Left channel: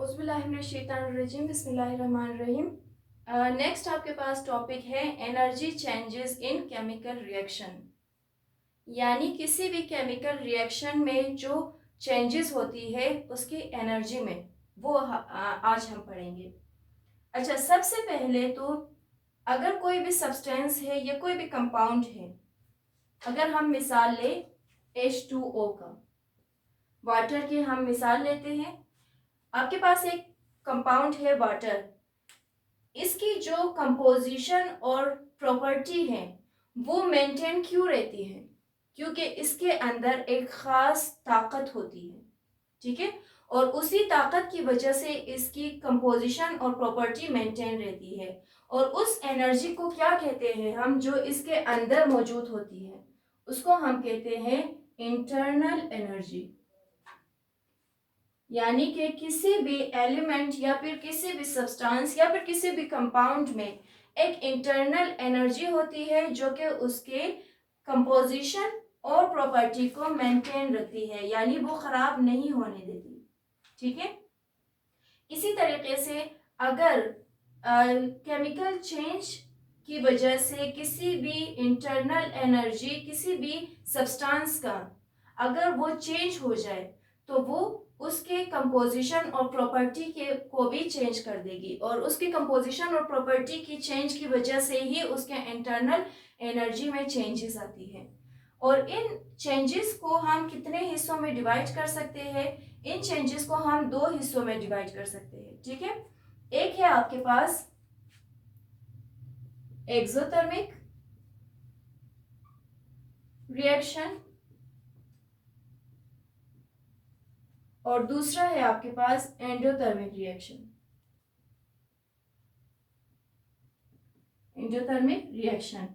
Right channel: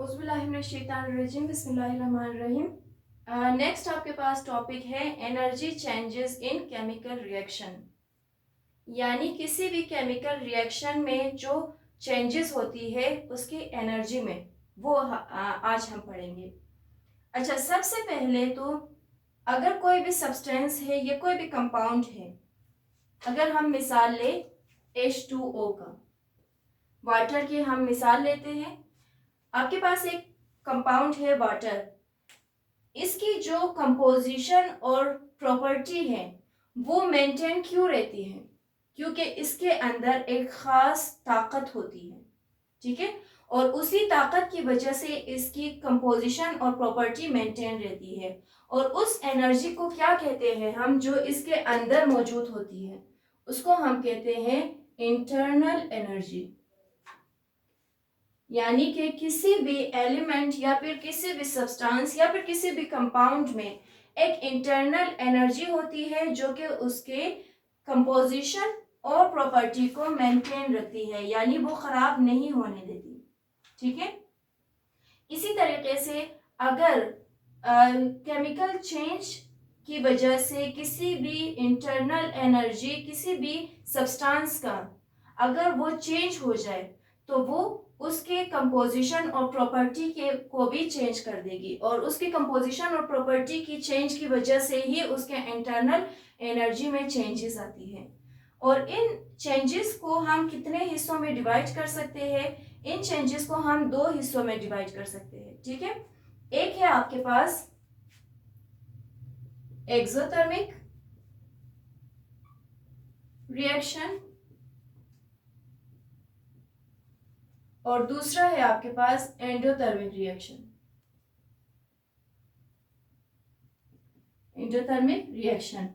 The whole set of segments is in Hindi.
औज़ुबिल्लाहिमिनश्शैतानिर्रजीम बिस्मिल्लाहिर्रहमानिर्रहीम। नेक्स्ट आपके पास टॉपिक है energy changes in chemical reaction, यानी किसी भी केमिकल रिएक्शन में जो चेंजेस होती है उसकी एनर्जी में, वो आज हम पढ़ेंगे। अच्छा, सबसे पहले तो अगर कोई भी सब्सटेंस है या कोई भी कंपाउंड है, अगर हम मिसाल ले H2O का, वाटर की हम मिसाल लेते हैं। आपके पास एक कंपाउंड है वाटर, इसकी जो कंपोजिशन और प्रॉपर्टी है वो मेंटेन क्यों रहती है? क्योंकि इसके अंदर एक खास ताकत होती है, ठीक है, और उसी ताकत की वजह से इसकी कंपोजिशन और प्रॉपर्टी मेंटेन रहती है। और उस एनर्जी को क्या कहते हैं हम, जो इसके अंदर मौजूद होती है, उसको हम कहते हैं इंटरनल एनर्जी। यानी कि किसी भी एलिमेंट या फिर किसी भी सब्सटेंस या फिर किसी भी कंपाउंड में एक इंटरनल एनर्जी होती है जो कि उसके कंपोजिशन और प्रॉपर्टी को मेंटेन रखती है, यानी वो खराब नहीं होने देती, ठीक है। इसी तरीके से अगर केमिकल चेंज की वजह से किसी भी इंटरनल एनर्जी किसी भी सब्सटेंस का अगर वो चेंज हो जाए तो वो उसके कंपोजिशन और प्रॉपर्टी के को भी चेंज कर देगी, और उसके कंपोजिशन और प्रॉपर्टी की चेंज की वजह से ही उसके इंटरनल एनर्जी में चेंजेस आती है। और इन चेंजेस को हम कितने हिस्सों में डिवाइड कर सकते हैं? इन चेंजेस को हम दो हिस्सों में डिवाइड कर सकते हैं, ठीक है। एक है आपके पास एक्सोथर्मिक रिएक्शन और दूसरा है आपके पास एंडोथर्मिक रिएक्शन। एंडोथर्मिक रिएक्शन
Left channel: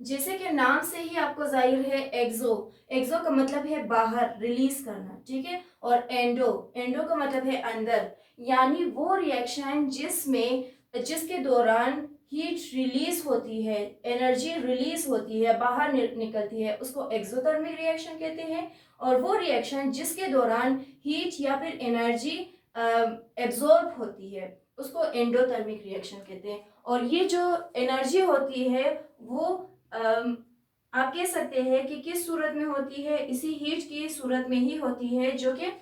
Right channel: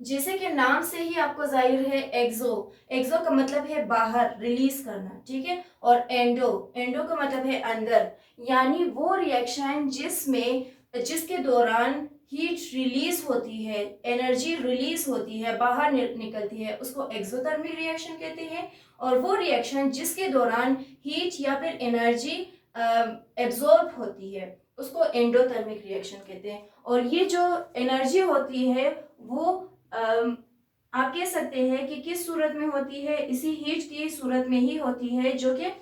जैसे कि नाम से ही आपको जाहिर है, एक्सो एक्सो का मतलब है बाहर, रिलीज करना, ठीक है, और एंडो एंडो का मतलब है अंदर, यानी वो रिएक्शन जिसके दौरान हीट रिलीज होती है, एनर्जी रिलीज होती है, बाहर निकलती है, उसको एक्सोथर्मिक रिएक्शन कहते हैं। और वो रिएक्शन जिसके दौरान हीट या फिर एनर्जी एब्जॉर्ब होती है उसको एंडोथर्मिक रिएक्शन कहते हैं। और ये जो एनर्जी होती है वो आप कह सकते हैं कि किस सूरत में होती है, इसी हीट की सूरत में ही होती है जो कि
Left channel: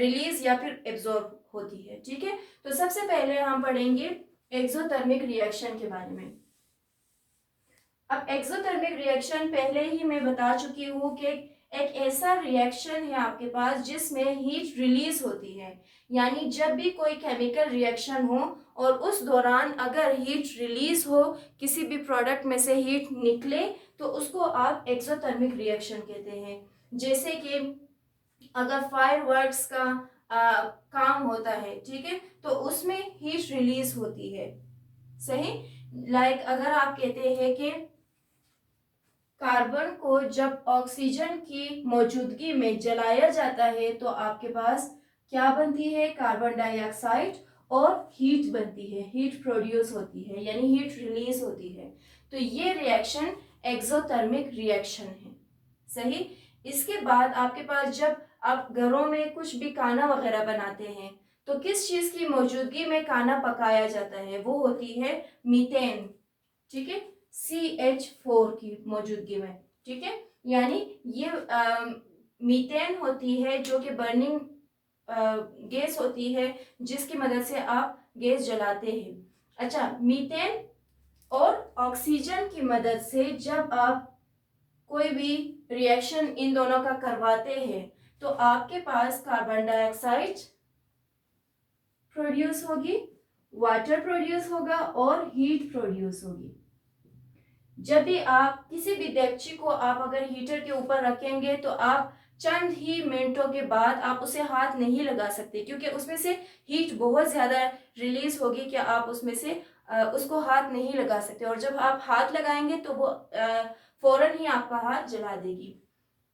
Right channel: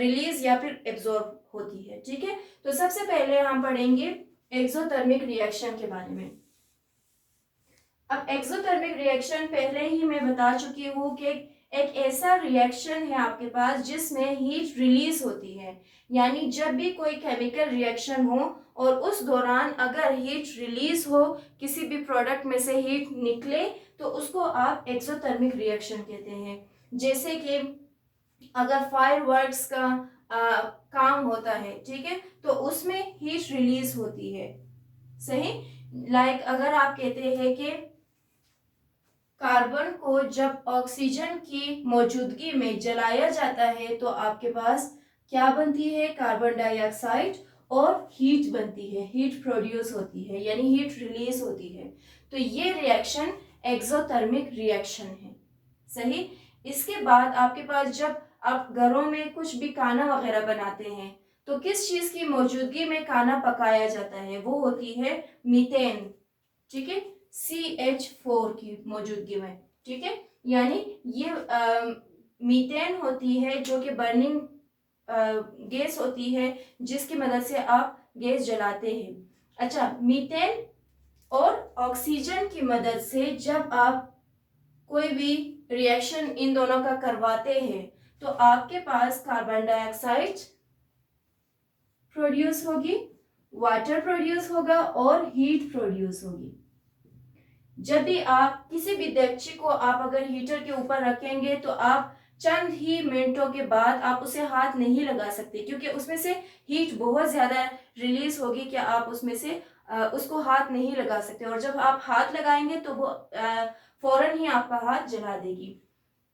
रिलीज या फिर एब्जॉर्ब होती है, ठीक है। तो सबसे पहले हम पढ़ेंगे एक्सोथर्मिक रिएक्शन के बारे में। अब एक्सोथर्मिक रिएक्शन पहले ही मैं बता चुकी हूँ कि एक ऐसा रिएक्शन है आपके पास जिसमें हीट रिलीज होती है, यानी जब भी कोई केमिकल रिएक्शन हो और उस दौरान अगर हीट रिलीज हो, किसी भी प्रोडक्ट में से हीट निकले, तो उसको आप एक्सोथर्मिक रिएक्शन कहते हैं। जैसे कि अगर फायरवर्क्स का काम होता है, ठीक है, तो उसमें हीट रिलीज होती है, सही। लाइक अगर आप कहते हैं कि कार्बन को जब ऑक्सीजन की मौजूदगी में जलाया जाता है तो आपके पास क्या बनती है? कार्बन डाइऑक्साइड और हीट बनती है, हीट प्रोड्यूस होती है, यानी हीट रिलीज होती है। तो ये रिएक्शन एक्सोथर्मिक रिएक्शन है, सही। इसके बाद आपके पास जब आप घरों में कुछ भी खाना वगैरह बनाते हैं तो किस चीज की मौजूदगी में खाना पकाया जाता है? वो होती है मीथेन, ठीक है, CH4 की मौजूदगी में, ठीक है। यानी ये मीथेन होती है जो कि बर्निंग गैस होती है जिसकी मदद से आप गैस जलाते हैं। अच्छा, मीथेन और ऑक्सीजन की मदद से जब आप कोई भी रिएक्शन इन दोनों का करवाते हैं तो आपके पास कार्बन डाइऑक्साइड प्रोड्यूस होगी, वाटर प्रोड्यूस होगा और हीट प्रोड्यूस होगी। जब भी आप किसी भी डेगची को आप अगर हीटर के ऊपर रखेंगे तो आप चंद ही मिनटों के बाद आप उसे हाथ नहीं लगा सकते, क्योंकि उसमें से हीट बहुत ज्यादा रिलीज होगी कि आप उसमें से उसको हाथ नहीं लगा सकते, और जब आप हाथ लगाएंगे तो वो फौरन ही आपका हाथ जला देगी।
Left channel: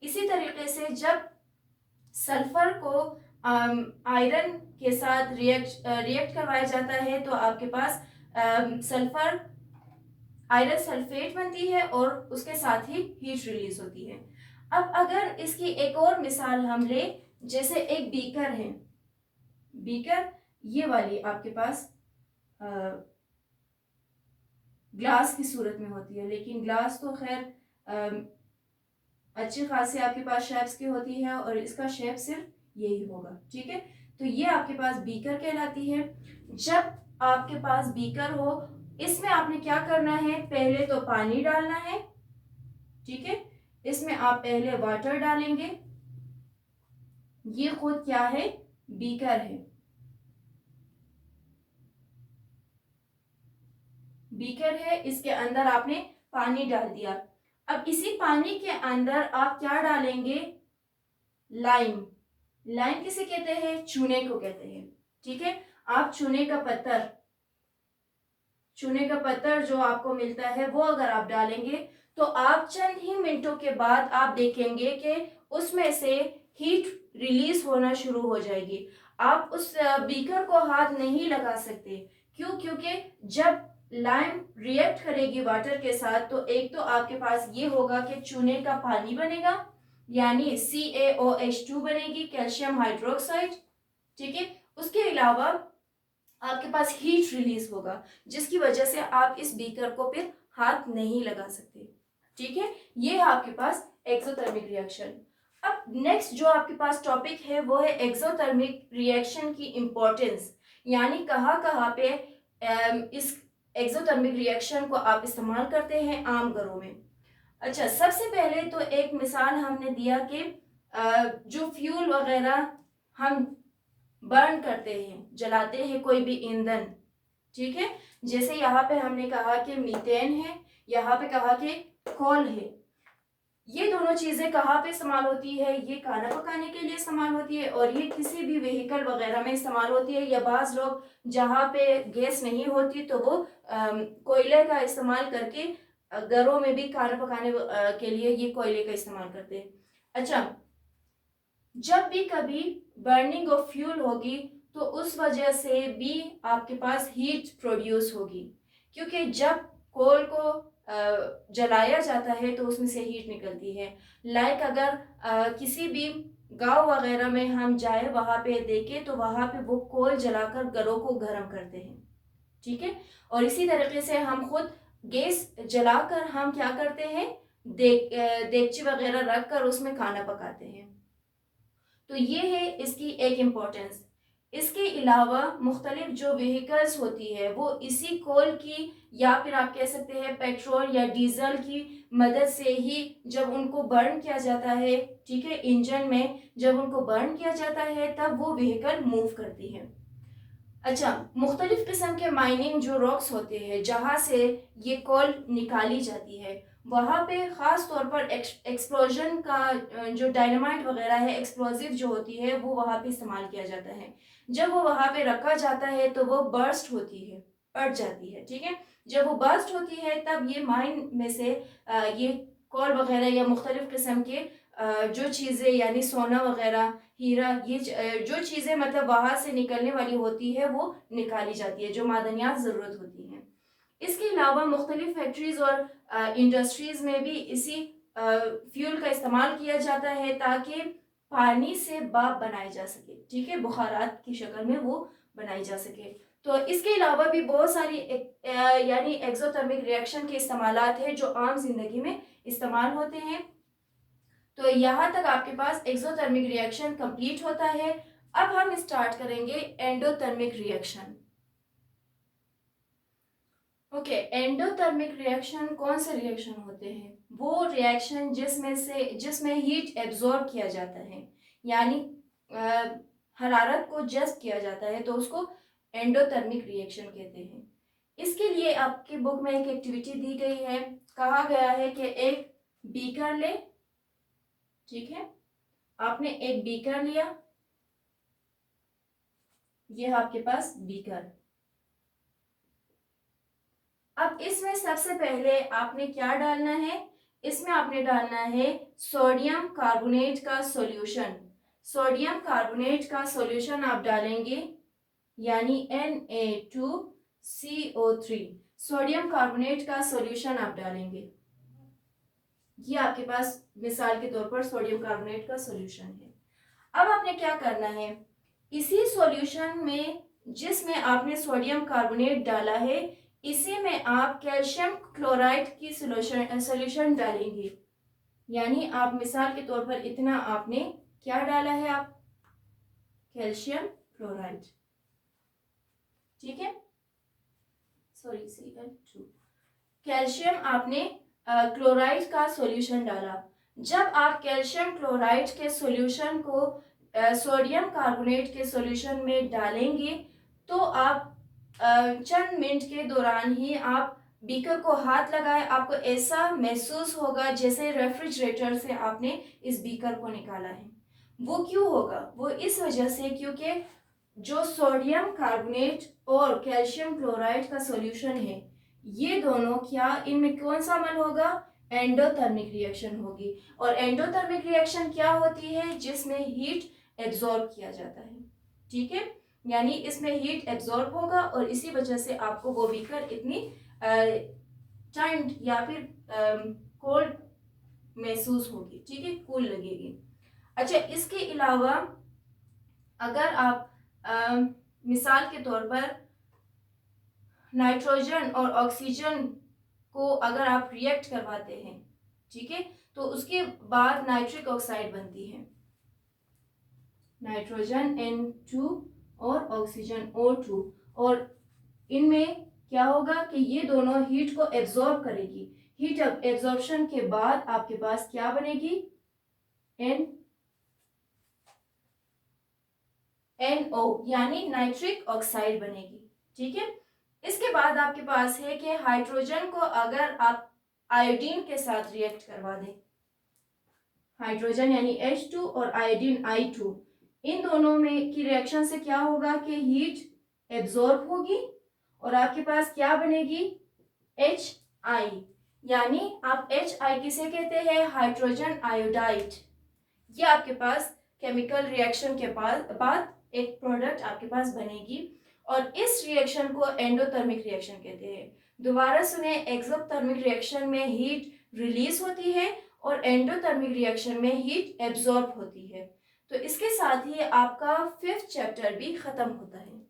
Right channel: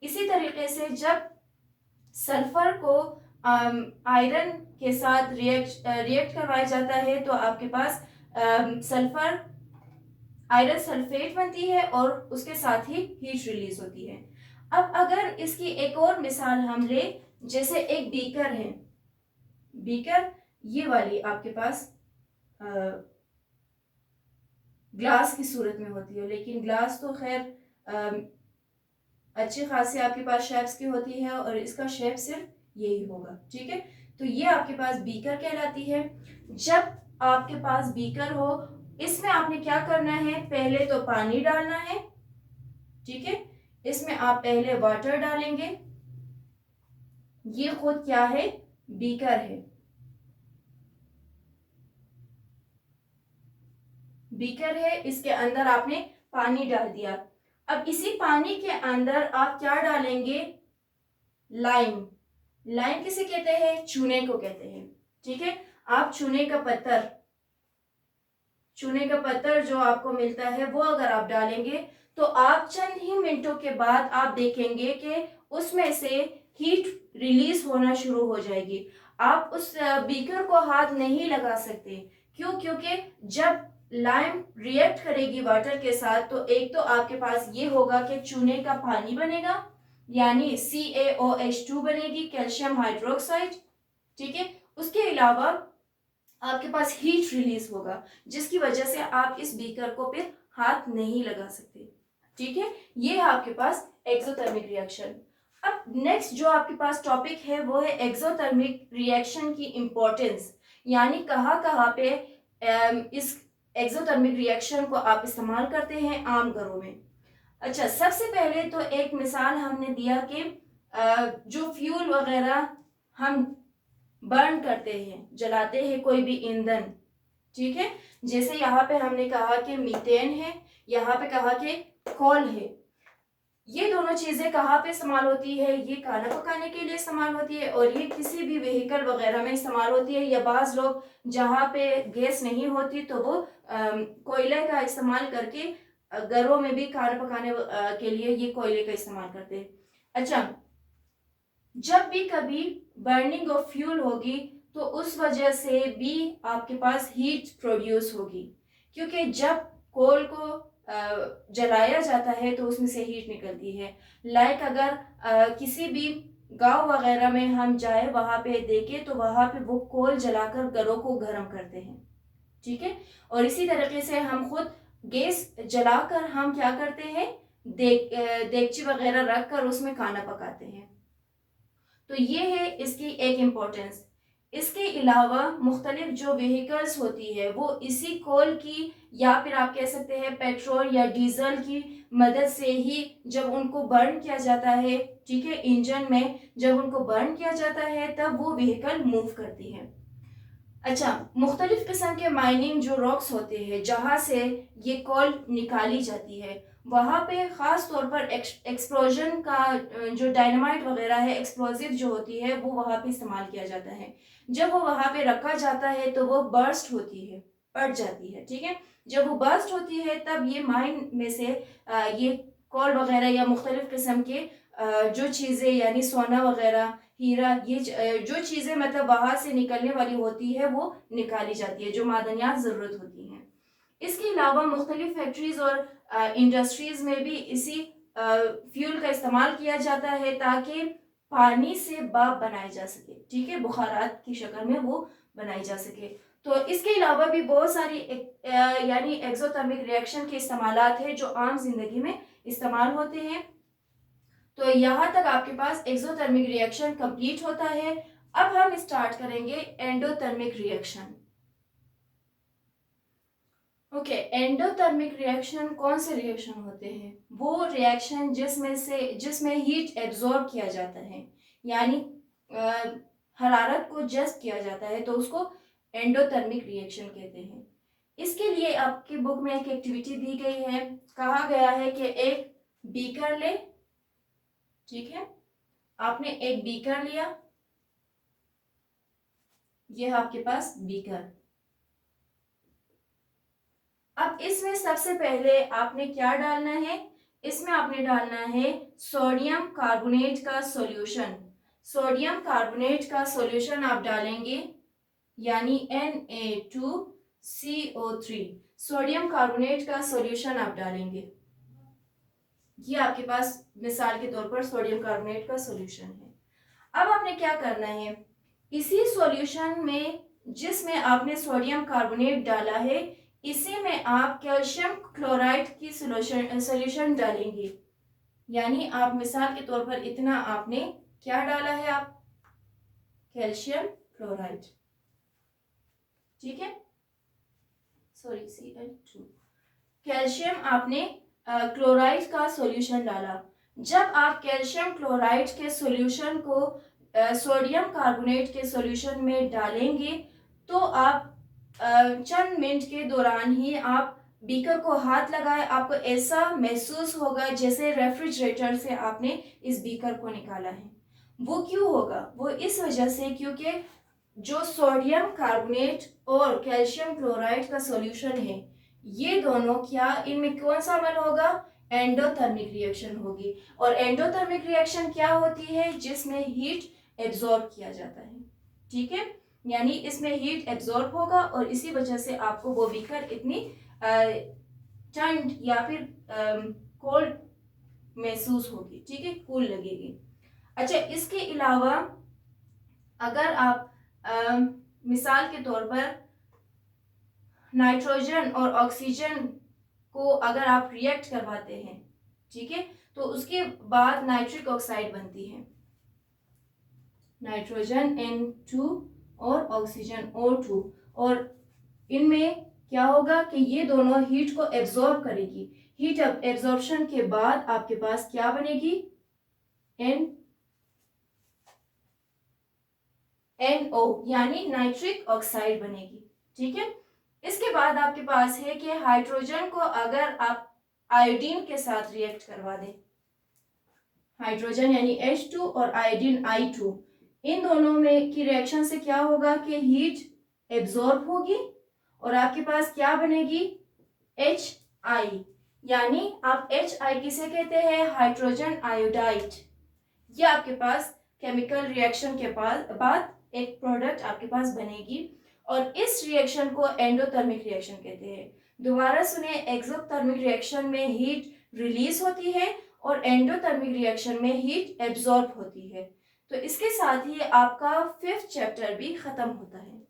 इसी तरीके से जब सल्फर को आयरन के साथ रिएक्ट करवाया जाता है तो आपके पास सल्फर आयरन सल्फेट बनती है और उसके साथ ही हीट रिलीज होती है। अब अगर इसकी एक और मिसाल हम ले, जैसे एक बीकर है, बीकर ये वाली आपके पास ग्लास की सूरत में होती है, लेकिन ग्लास तो खैर अच्छी खासी आपके पास शेप्स की होती है और इसका शेप सिर्फ यही होगा। ठीक है, तो ये आपके पास बीकर कहलाती है। जब आपके पास बीकर हो, इसमें आपने क्या करना है, पहले तो पानी डालना है। ठीक है, इसमें आप पहले वाटर डालेंगे। ये खुद क्या है, बीकर है। बीकर है, इसके अंदर आपने पानी डाल दिया। अब इसी पानी के अंदर आप क्या डालेंगे, लाइम। लाइम किसे कहते हैं, चूने को कहते हैं। ठीक है, आप चूने का पत्थर जो आपको मिलता है वो अगर आप डालेंगे तो आप चंद ही मिनटों के बाद आप देखेंगे कि उसमें से हीट रिलीज होना शुरू हो जाएगी। आप उस बीकर को हाथ नहीं लगा सकते। क्यों, क्योंकि जब लाइम रिएक्ट करेगी वाटर के साथ तो एक तो आपके पास ये होगा कि चूने का पानी बनेगा, यानी CaOH2 बनेगी, कैल्शियम हाइड्रोक्साइड। ठीक है, उसके अलावा आपके पास हीट रिलीज होगा, जिसकी वजह से आप इस बीकर को फिर हाथ नहीं लगा सकते। ठीक है, ये है आपके पास एक्सोथर्मिक रिएक्शन। अब नेक्स्ट जो आपके पास टॉपिक है वो है एक्सोथर्मिक रिएक्शन की इंपॉर्टेंस, यानी कहाँ कहाँ पे इस एक्सोथर्मिक रिएक्शन को आप इस्तेमाल करते हैं आम घरों में। अच्छा, सबसे पहले तो एक मिसाल हमने दिया कि जो फ्यूल वगैरह हम बर्न करते हैं, जलाते हैं कोई भी ईंधन। ठीक है, जैसे यहाँ पे हमने कहा कि मीथेन है, यहाँ पे कहा कि कोल है। ये दोनों चीजें कहाँ पे इस्तेमाल होती है, ये खाना पकाने के लिए इस्तेमाल होती है और ये किसी भी व्हीकल वगैरह में इस्तेमाल होती है, या बाज लोग जहाँ पे गैस नहीं होती तो वो कोयले का इस्तेमाल करके घरों में भी खाना पकाने के लिए ये कोयले का इस्तेमाल करते हैं। अच्छा, जब भी कभी बर्निंग ऑफ फ्यूल होगी तो उस वजह से भी आपके पास हीट प्रोड्यूस होगी, क्योंकि जब कोल को जलाया जाता है तो उसमें से हीट निकलती है। लाइक अगर किसी भी गांव वगैरह में हम जाए, वहां पे देखें तो वहां पे वो कोल जलाकर घरों को गर्म करते हैं। ठीक है, और इसी तरीके से हम खुद गैस जलाकर हम क्या करते हैं, देगची वगैरह रख कर उसमें खाना पकाते हैं। तो ये है इसकी एक इम्पोर्टेंस। इसके अलावा मुख्तलिफ जो व्हीकल्स होती है वो इसी कोल की या फिर आप कह सकते हैं पेट्रोल या डीजल की मदद से ही जब उनको बर्न किया जाता है, ठीक है, इंजन में जब उनको बर्न किया जाता है तब वो व्हीकल मूव करती है। अच्छा, मुख्तलिफ किस्म के माइनिंग जो रॉक्स होते हैं जहाँ से ये कोल निकाली जाती है, वहाँ पे ख़ास तौर पर एक्सप्लोजन का जो डायनामाइट वगैरह है, एक्सप्लोजिव जो होती है वो वहाँ पे इस्तेमाल किया जाता है। जब वो वहाँ पे रखा जाता है तो वो बर्स्ट होती है, फट जाती है। ठीक है, जब वो बर्स्ट होती है तब ये माइन में से ये कोल वगैरह या मुख्तलिफ किस्म के जो चीज़ें यानी सोना वगैरह, हीरा, ये जो चीज़ें मतलब वहाँ से निकलने वाली होती है वो निकाली जाती है, जो मादनियात ज़रूरत होती हैं। इसके अलावा मुख्तलिफ फैक्ट्रीज और इंडस्ट्रीज में भी इसी फ्यूल का इस्तेमाल किया जाता है ताकि पानी से भाप बनाई जा सके। ठीक है, बुखारात की शक्ल में वो बनाई जा सके। तो इसके अलावा भी बहुत सारी यानी एक्सोथर्मिक रिएक्शन के इस्तेमालात है जो आम जिंदगी में इस्तेमाल होते हैं। तो यहाँ तक आपके पास एक्सोथर्मिक रिएक्शन कंप्लीट होता है। अब हम स्टार्ट करेंगे endothermic reaction. Okay, endothermic reaction कौन से रिएक्शन होते हैं, वो रिएक्शन जिसमें हीट एब्जॉर्ब किया जाता है, यानी हरारत को जज़्ब किया जाता है, तो उसको एंडोथर्मिक रिएक्शन कहते हैं। इसके लिए आपकी बुक में एक एक्टिविटी दी गई है, कहा गया है कि एक बीकर ले। ठीक है, आपने एक बीकर लिया, ये है आपके पास बीकर। अब इसमें सबसे पहले आपने क्या डालना है, इसमें आपने डालना है सोडियम कार्बोनेट का सॉल्यूशन। सोडियम कार्बोनेट का सॉल्यूशन आप डालेंगे, यानी Na2CO3। सोडियम कार्बोनेट का सॉल्यूशन आप डालेंगे, ये आपके पास मिसाल के तौर पर सोडियम कार्बोनेट का सॉल्यूशन है। अब आपने क्या करना है, इसी सॉल्यूशन में जिसमें आपने सोडियम कार्बोनेट डाला है, इसी में आप कैल्शियम क्लोराइड की सोल्यूशन डालेंगे। यानी आप मिसाल के तौर पर इतना आपने क्या डाला है, आप कैल्शियम क्लोराइड, ठीक है, सॉरी Cl2, कैल्शियम आपने क्लोराइड का सॉल्यूशन डाला। जब आप कैल्शियम क्लोराइड के सॉल्यूशन को सोडियम कार्बोनेट के सॉल्यूशन में डालेंगे तो आप चंद मिनट के दौरान ही आप बीकर को हाथ लगाए, आपको ऐसा महसूस होगा जैसे रेफ्रिजरेटर से आपने इस बीकर को निकाला है। वो क्यों होगा? वो इस वजह से क्योंकि जो सोडियम कार्बोनेट और कैल्शियम क्लोराइड का सॉल्यूशन है, ये दोनों क्या, इनमें कौन सा अमल होगा? एंडोथर्मिक रिएक्शन होगी। और एंडोथर्मिक रिएक्शन क्या होती है? जिसमें हीट एब्जॉर्ब किया जाता है, ठीक है, यानी इसमें हीट एब्जॉर्ब होगा और इसी वजह से आपको वो बीकर इतनी ठंड या फिर कोल्ड महसूस होगी, ठीक है, कूल लगेगी। अच्छा, इसके अलावा अगर आप मिसाल के तौर पर नाइट्रोजन और ऑक्सीजन को अगर आप रिएक्ट करवाते हैं, ठीक है, तो उसके बाद नाइट्रिक ऑक्साइड बनती है, नाइट्रोजन N2 और ऑक्सीजन O2, और इनमें क्या होगा कि ये दोनों हीट को एब्जॉर्ब करेगी। हीट एब्जॉर्प्शन के बाद आपके पास क्या बनेगी? NO यानी नाइट्रिक ऑक्साइड बनेगी, ठीक है। इसके बाद आपके पास है कि हाइड्रोजन को अगर आप आयोडीन के साथ रिएक्ट करवा दें, हाइड्रोजन यानी H2 और आयोडीन I2, इन दोनों में की रिएक्शन से क्या होगा कि हीट एब्जॉर्ब होगी और आपके पास क्या बनेगी? HI, यानी आप HI किसे कहते हैं? Hydrogen iodide. ये आपके पास केमिकल रिएक्शन के बाद एक प्रोडक्ट आपके पास बनेगी और इस रिएक्शन को एंडोथर्मिक रिएक्शन कहते हैं। दोबारा सुने, एक्सोथर्मिक रिएक्शन में हीट रिलीज होती है और एंडोथर्मिक रिएक्शन में हीट एब्जॉर्ब होती है। तो इसके साथ ही आपका 5th चैप्टर भी खत्म होता है।